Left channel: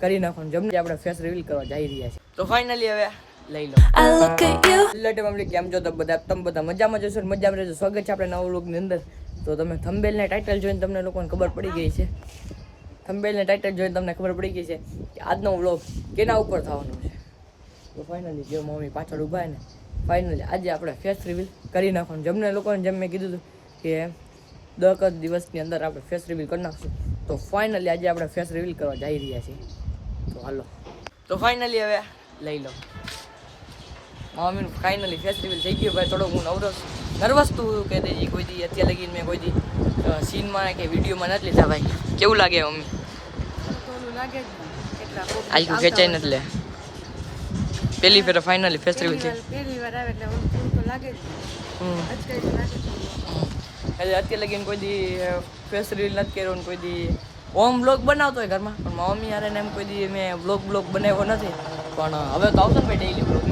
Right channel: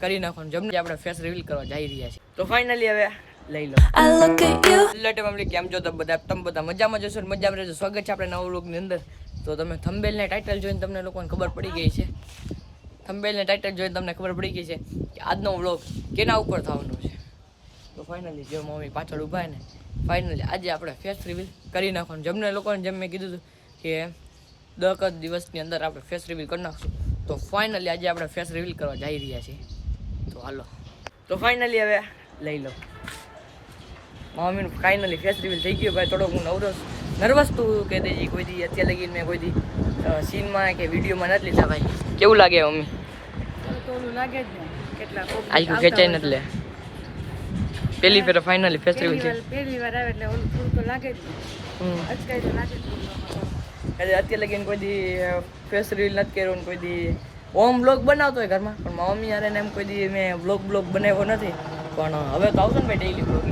કરી નાખવાનું. જમને આપણે ફેસ રિવીલ કરવા જઈ રહ્યા છીએ. તો ફાઇનલી હવે લઈ લો. લેટે મામલી કેમ છો? તમે બધા તમે બધા મજામાં જશો મજામાં રહેજો. સ્વાગત છે આપણે નવા વ્લોગની અંદર. તો તમે થંબેલ ને ટાઇટલ જોઈને તમને લોકોને ખબર પડી ગઈ છે. થંબેલ ને ટાઇટલ જોઈને તમને ખબર પડી ગઈ છે કે આજનો વ્લોગ કેના ઉપર થવાનો છે. તો ફાઇનલી જે મમ્મી પાછળ ઊભા ને ફાઇનલી આજે આપણે ફેસ રિવીલ કરી નાખવાનું. જમને લોકોને જેમ મેં કીધું હતું કે દસ દિવસની અંદર આપણે ફેસ રિવીલ કરી નાખશું. તો ફાઇનલી આજે આપણે ફેસ રિવીલ કરવા જઈ રહ્યા છીએ. તો હાલો. તો ફાઇનલી હવે લઈ લો. મમ્મીનું ફાઇનલી ફેસ રિવીલ થઈ ગયું ભાઈ થોડોક હું નવરો નર્વસ તું કહી દેજી કોઈ દી અત્યારે લગીને મેં કોઈ દી સીનમાં કે વિડીયોમાં નથી લીધા ભાઈ. કેવું લાગે મમ્મી? તો લાગે આખું ખેંચાઈ નથી લે. પેલી ફેર ફાઇનલી ફેસ રિવીલ પહેલી થઈ વાર પહેલી વાર આવે એટલે ઓલું થોડું તો લાગે જ તો લાગે અત્યારે લગીને કોઈ દી ફેસ રીલ નથી કર્યો ને કોઈ દી. હોમ બ્લોગ બનાવતો હોય ઘરમાં, પણ મારા મમ્મી યાર એમ કોઈ દી મેં બ્લોગ બ્લોગ બનાવ્યો નથી. પણ હવે તો આવશે ને ભાઈ ડેઈલી બ્લોગ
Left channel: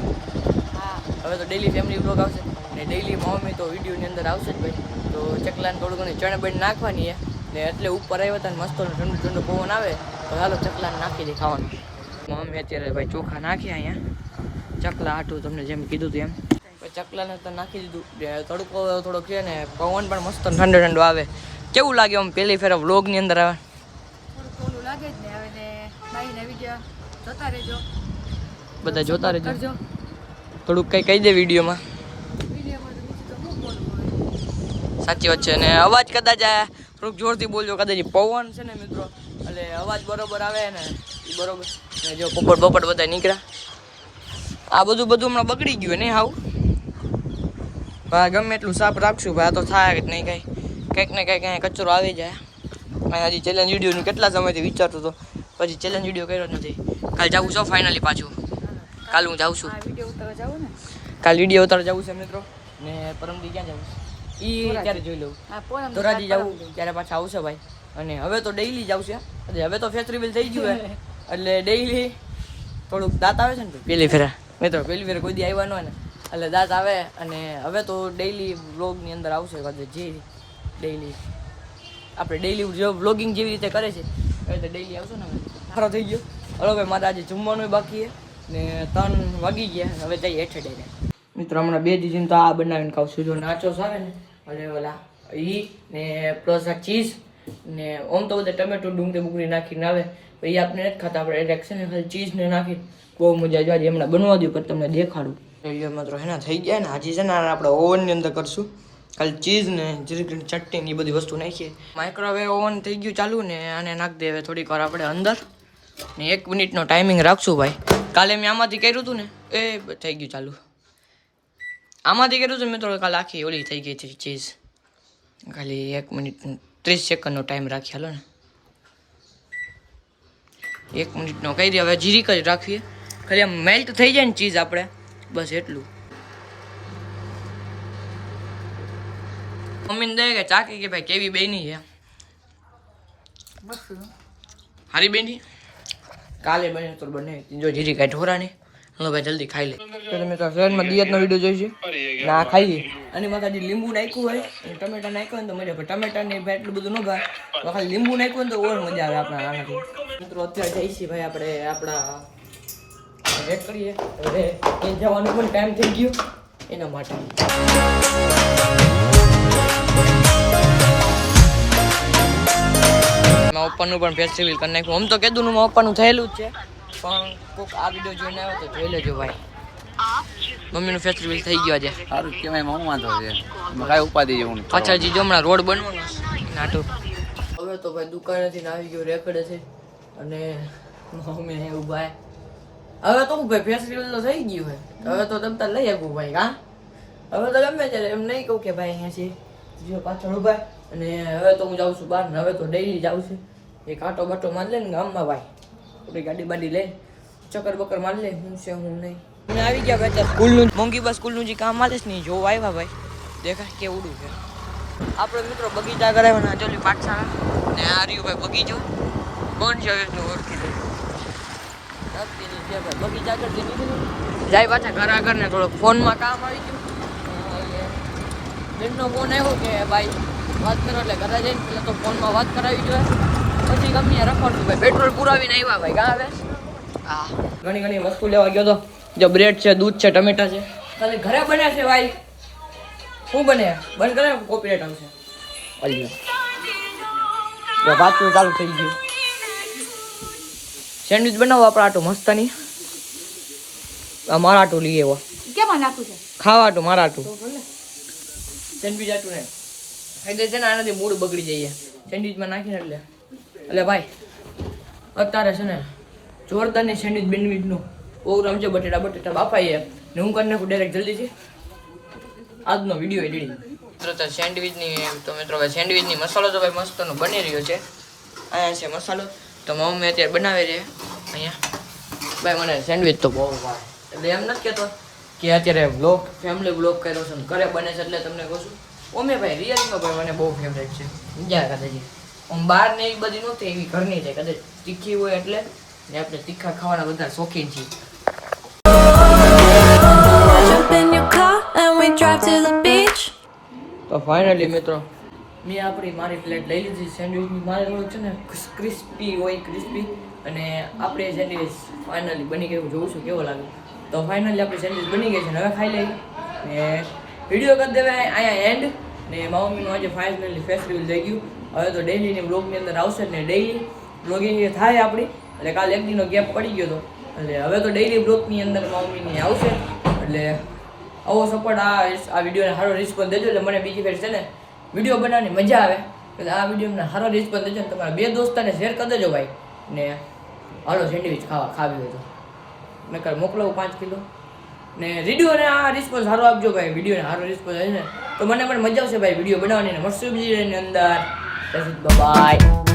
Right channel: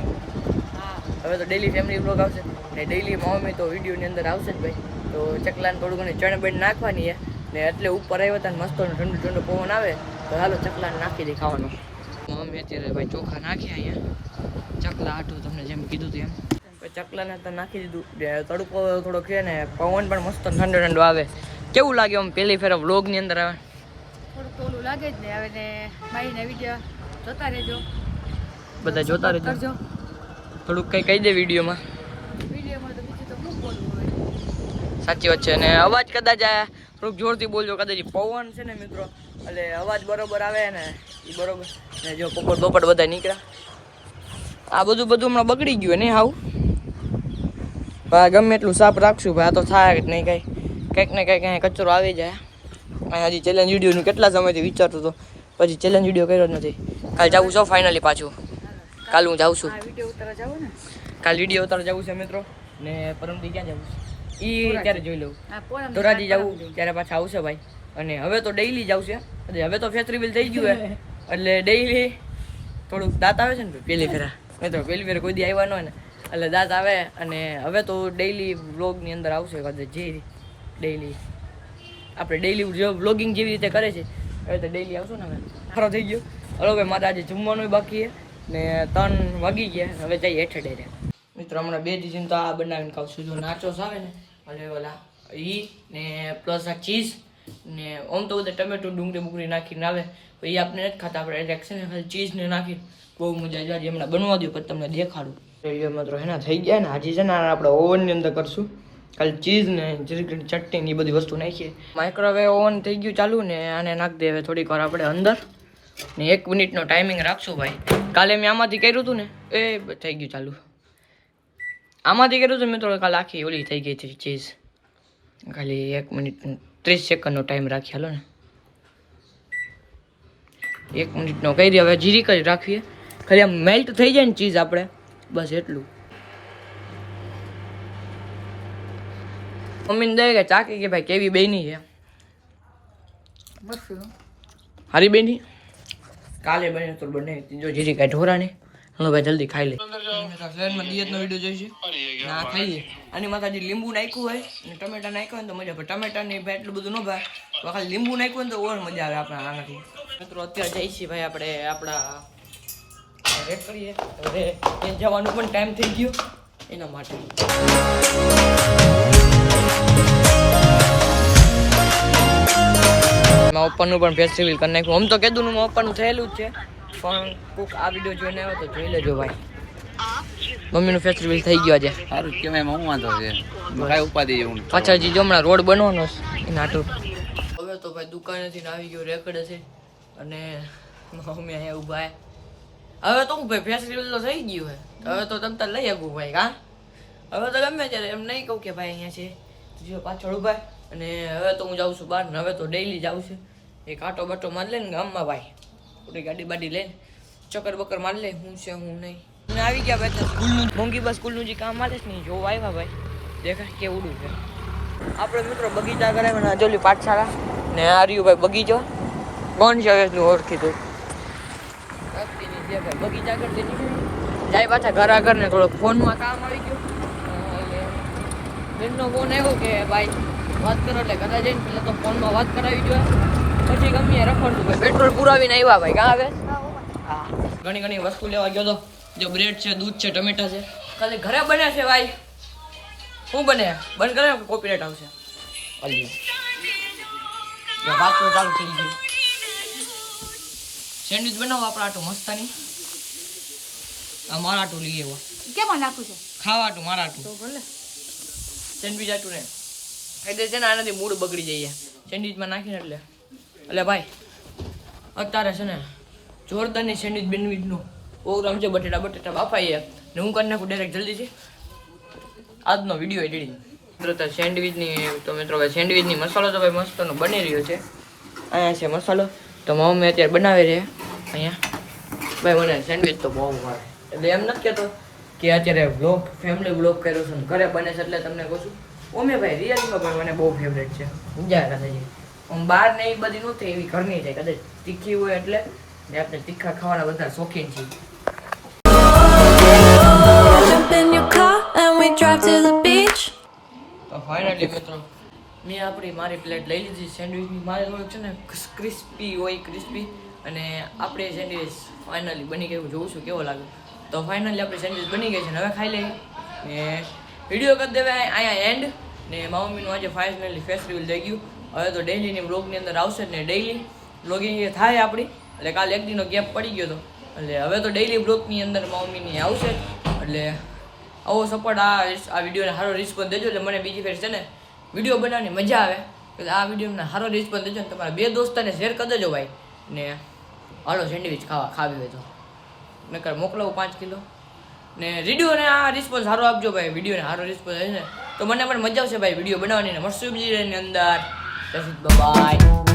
હવે તો ડેઈલી ફેમિલી બ્લોગ આવશે. ને ડેઈલી મમ્મી તો વિડીયોની અંદર આવશે જ ભાઈ. તો ચકલાને થોડું ઘણી ચણ બેન નાખવાની છે. ને એટલે ઉપર આવ્યા હતા ને મસ્ત ઠંડુ ઠંડુ પવન આવે, તો ચાલો ચકલાને નાખી દે ખાવાનું. મમ્મી અત્યારે ભાઈ ચોખા નાખ્યા અહીંયા. ચકલા આટું તમને જેમ કીધું હતું એમ ચકલાને તો નાખી દીધું. ને તડકો થોડોક કહે ને પવન પણ મસ્ત ઠંડો ઠંડો આવે. કેવું લાગે આમ પહેલી ફેર વ્લોગની અંદર આવે? થોડુંક ઓલું લાગે જ ને હવે ને મારી નવી ગયા. જોતા રહેજો. બધા જોતા રહેજો. કરજો. થોડુંક કંઈ કહી દે વિડીયોમાં. સાચી વાત છે. અને અવાજ કદાચ આ થોડુંક જોરથી બોલજો. કદાચ પવન છે ને મિત્રો એટલે અવાજ બરોબર આવે ને એ બરોબર. ને જો પોપટ પોપટ બધા નીકળ્યા. આ બધું બધું હમણાં બગડી ગયું નહીં હાવ? ભાઈ ગમે એટલું સાફ રાખશું ભાઈ આ તો થાય જ નહીં કાંઈ. કંઈક ને કંઈક અહીંયા કચરો આવી જાય. અહીંયા હજી ચેલેન્જ વિડીયોનું કેટલા સમયથી વિચારતો હતો પછી ચેલેન્જ વીડિયો કર્યો જ નથી. કાલ જવું છો ફાઇનલી પાછું. કાલ હું જાઉં છું. આ વીડિયો ઉતારવા જાવ ને? કાલ વીડિયો ઉતાર જવું છે મિત્રો. ને પરમદી ક્યાં જવું છે એ ક્યારે જોઈ લઉં? ધોરાજી જવું ત્યારે પાછા આવશે ભાઈ. અને હવે તો ડેઈલી જ આવશે અને હવે તો ફેસ રિવીલ થઈ ગયું હે એટલે ડેઈલી થોડુંક દાંત આવે છે ને પેલી ફેરા. મિત્રો પેલી ફેર કોઈ દી આવ્યા ન હોય ને. એટલે દાંત આવે અને હવે તો ડેઈલી વ્લોગની અંદર આવશે કદાચ જે ડેઈલી આપણે ડેઈલી જે વ્લોગિંગ જેવી રીતે કરે છે હવે તો ડેઈલી આવશું ને હવે. ખરો થઈ ગયો. હલો ભાઈ, મારે આજે જમવાનું બાકી છે ને ત્રણ વાગી ગયા. હવે જઈએ હેઠે ડેરે મિત્રો, હમણાં બે દીધી તો આ બનાવીને ખાવશું જો નાચોસ આવે ને એટલે ઓલા, ઈ ને પ્લસ આ ચીઝ ને આમ તો બધા ટમેટો ડુંગળી બુંગળી નાખીને આવે. એ આપણે નથી ખાતા, આપણે એટલે ચીઝને ને ખાલી ચીઝ ને નાખી બહુ મજા જાય હમણાં બનવા દઉં પણ તમને દેખાડું. જોઈએ મિત્રો એના થઈ ગયા ને, હાજી છે ને આપણે ઓવનની અંદર કરશું. ખાલી ચીઝ ને જરીક ચટણી એ બધી વસ્તુ નાખીએ. માઇક્રોવેવ ઓવન થઈ ગયું ચાલુ ને, આને નાખી દેવે થોડીક વાર આપણે અંદર. ને એક મિનિટનો ટાઈમિંગ રાખશું ભાઈ. કાલે મેં આમાંથી કર્યું હતું ને, એ થઈ ગયું ચાલુ. આમાંથી કર્યું હતું મિત્રો કાલે આખી ઓલી થઈ ગઈ હતી ચીઝ. ખાલી એક મિનિટ, ત્રીસ સેકન્ડનો ટાઈમ રાખી હાલો ને. એક મિનિટનો કરી દે હવે જીરી કરી રાખીએ. ખાલી આમ મેલ્ટ થઈ જાય ને ચીઝ આપણે. બસ એટલું. મમ્મીને દે કે ચાકી કે ભાઈ કેવી બેની છે? હારી બેની? કાલે બને તો બને. જો જીરી કાંઈ ઢોરાની હલો ભાઈ જલ્દી ખાઈ લે. તો તમે તો શહેરમાં દિયતનો વીડિયો જોઈશે ના ખાઈએ. આની માથે હજી લીંબુ નાખ્યું હોય અને ટમેટા નાખ્યું હોય ને તો મજા આવે. ટમેટા ને ભાઈ એટલું બધું ન ભાવે. તો ખાલી લીંબુ નાખ્યું હોય ને તો ઓર મજા આવે આપણા આનાથી મિત્રો અત્યારે જઈએ છીએ ભાઈ આપણે આપણા વેટ કરીએ. હવે એ જવાનું પણ ટાઈમ થઈ ગયો. એના માટે. મારા ઓપનનું પણ ફેસ્ટિવલ કરી નાખ્યું. આમ તો કીધું મારા ઓપનનું થયેલું જ છે. પણ કોઈક આ વીડિયો જોઈને આવ્યો તો જોઈ લેજો ભાઈ. મમ્મીનું ફેસ્ટિવલ થઈ ગયો આજે. સારું કેવાય હું વાંધો છે? કાંઈ ઉપાધિ જેવું. પાછળ જે જો હમણાં રોડ બનવાનો છે એના આટું હવે તો ભાઈ દુકાનેથી આવી ગયો રેકડે છે. અને મમ્મી અહીંયા ઊભા. હવે તો હું ભાઈ ફેસ્ટિવલ તો થઈ ગયું છે હવે તો તમ તાર લઈ આગું ભાઈ હા હવે તો ગમે ત્યારે એમ નહીં કહું કે ભાઈ અહીંયા છે જો પાછળ છે. અને હવે તો હું જાઉં છું બહાર ને હવે તો ડેઈલી જાઉં છું એક આટો બાટો મારી લે ને ગામમાં ભાઈ થોડી ગાડી બાડી લઈને ચક્કર બક્કર મારી લે હું છે હું નહીં અને આવી ગયા ભાઈ સ્કૂલનું મોંઘી બસ સ્કૂલનું જે કામ આલે છે ને ઈ જોવા આવ્યા ભાઈ દેખાય કેવડું છે આપણે મિત્રો બગીચા કરાવવાના જોલી પાઠશાળા ને આ રહ્યું ભાઈ બગીચો કોણ છે જો ઓળખી દઉં બગીચા જાય પાછા ઘર આગળ ને થોડોક ફોનમાં કામ આવી ગયો. એમનો ફોન આવ્યો કે ભાઈ વાત કરો એટલે ઘરે જઈને પેલા તો ફોનમાં વાત કરાવી જોઈએ. પછી કંપનીએ રખડતું ભાઈ પેટ્રોલ પુરાવીને આવ્યા ભાઈ કાં આવે. હા. ઘણી ઘણી વસ્તુ લેવા ગયો તો. જો બ્રેડ છે દૂધ છે ટમેટા છે. ખાલી ઘરે બને છે ભાઈ? શું બને બંધ કરે કોપીરેટ આવશે. અલી જો વાંચવું ચાલુ થઈ ગયું. સેન્ડવિચ બનાવો આપણે આટો મસ્તની. આ મારા આટું લઈએ એવો કેમાં નાખું છે? ખાવા આટું મારા આટું સેન્ડવિચ આટું ને એટલે છે ને આનાથી મૂડ બગડી જઈએ. સેન્ડવિચમાં નાખીને એટલે. એટલે ભાઈ અત્યારે છે ને જોરદારની સેન્ડવિચ બેન્ડવિચનો પ્રોગ્રામ છે બટેટા બટેટા બાફાઈએ. ને હું કરી નાખું ડાયરેક્ટ જલ્દીથી. આજનો વીડિયો એડિટિંગ મિત્રો તો સેન્ડવિચની તો મિત્રો ભાઈ સેન્ડવિચની મસાલો તો ભાઈ મસ્તનો બની રહ્યો છે. અહીંયા છે મસાલો. તો મમ્મી અત્યારે બનાવી રહે અહીંયા. ભાઈ મને સેન્ડવિચ તો બહુ ભાવે. એટલે એમ નથી કહેતો કે અત્યારે વ્લોગ ફેમિલી વ્લોગ કર્યો છે ઘરે બને છે એટલે તમને કહું છું. ઓમે ભાઈ રિયલમાં ભાઈ મને બહુ ફેવરેટ છે. મજા કદાચ આમ બહાર ને એ બધી નહોતી એવી ઘરની છે કદાચ તીખી હોય એટલે ને આપણે તીખા ખાવાના બધા શોખીન છીએ. તો ફાઇનલી મિત્રો મેં આપણી મારી પ્લેટ લઈ લીધી સેન્ડવિચની મારે થોડુંક છે ને ક્રિસ્પી હોય ક્રિસ્પી અને આપણે સેન્ડવિચ ફાઇનલી બની ગયું. જોઉં છું કેવો લાગે. તો ફાઇનલી આપણી સેન્ડવિચ બની ગઈ છે હવે ખાઈ લઈ ને વીડિયો કરી દેવાય, અહીંયા એન્ડ ને મારા મમ્મીનું આજે ફાઇનલી ફેસ્ટિવલ થઈ ગયું. હવે તો ડેઈલીની બ્લોગની અંદર આવશે ને ડેઈલી બ્લોગિંગ થાય આપણી. એટલે કાલે એક દિનનો ગેપ પડી ગયો હતો એટલે હવે તો ડેઈલી બ્લોગની અંદર મારા મમ્મીની આવશે. એટલે આવો સપોર્ટ આ આ વિડીયોને સારો રિસ્પોન્સ દેજો. એટલે મને બીજી ફેર છે ને વીડિયો બનાવવાની મજા આવે. એટલે આ વિડીયોને સારો રિસ્પોન્સ દેજો ને તમારા બે દોસ્તાને શેર કરી દેજો ભાઈ. ને હાલો સેન્ડવિચ ખાવા ખાવી હોય તો. નકર મોકલાવું પાંચ કિલો. ને વિડીયોને આ રિસ્પોન્સ સારો આપજો ભાઈ. વિડીયોને સારો રિસ્પોન્સ આવે ને. તો મને પણ મજા આવશે ભાઈ વીડિયો બનાવવાની ને. મળશું બીજી અંદર. બાય.